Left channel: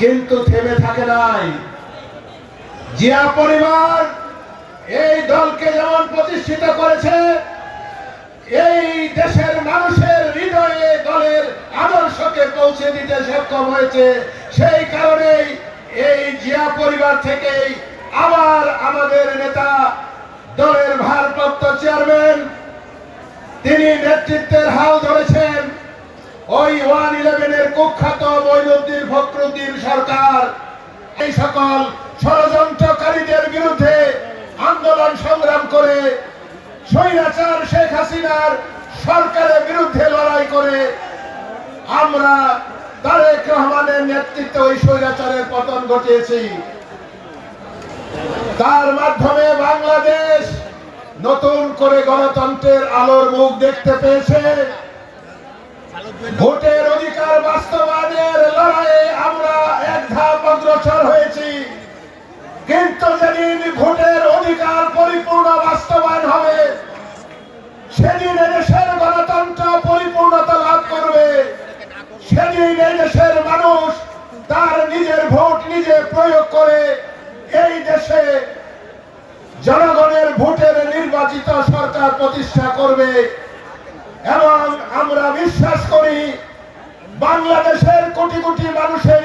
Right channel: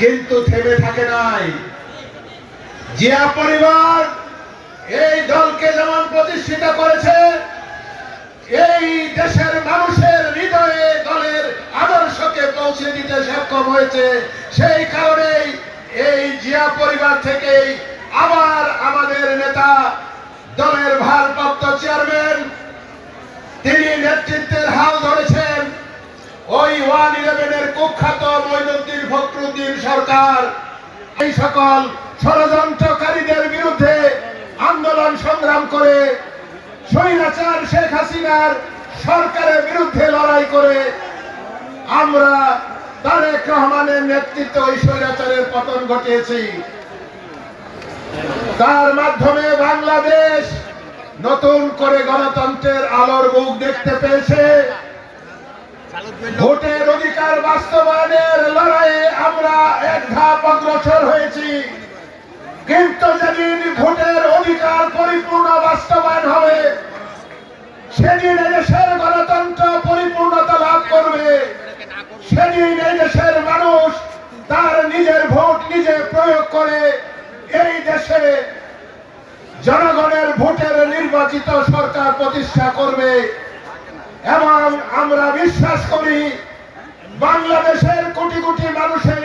কিন্তু থেমে থাকে নাই। জিয়া পরিবার এই দলকে যেমন প্রতিষ্ঠিত করেছে, এই দেশের মানুষের হৃদয়ে দলের আদর্শকে পৌঁছে দিতে সক্ষম হয়েছে। সেই কারণেই এই জিয়া পরিবার থেকেই আবার আমাদের নেতা, দলের ভারপ্রাপ্ত চেয়ারম্যান, তিনি নেতৃত্বের হাল ধরেছেন। ওই 111-এর কুখ্যাত মঈনুদ্দিন ফখরুদ্দিন সরকার এই সকল ষড়যন্ত্রকারীদের বিরুদ্ধে আন্দোলন সংগ্রাম করে স্বৈরাচার শেখ হাসিনার সরকারের বিরুদ্ধে লড়াই করে আমরা তারেক রহমানের নেতৃত্বে ওই স্বৈরাচারের পতন ঘটিয়েছি। তার মাধ্যমে বাংলাদেশ নতুন করে গণতন্ত্রের আলোর মুখ দেখতে পেয়েছে। ভোটের অধিকার বাস্তবায়নের লড়াইয়ে আমরা এক ধাপ অগ্রসর হয়েছি, কিন্তু যেদিন ভোটের অধিকার পরিপূর্ণ বাস্তবায়ন হবে, সেদিন দেশের গণতন্ত্র পরিপূর্ণতা লাভ করবে। সেদিন এই দেশের মানুষ তার নিজের ভোট নিজে প্রয়োগ করে এই দেশে জনগণের ভোটের নির্বাচিত সরকার প্রতিষ্ঠা করবে। এবং আমরা বিশ্বাস করি বাংলাদেশের কোটি কোটি মানুষের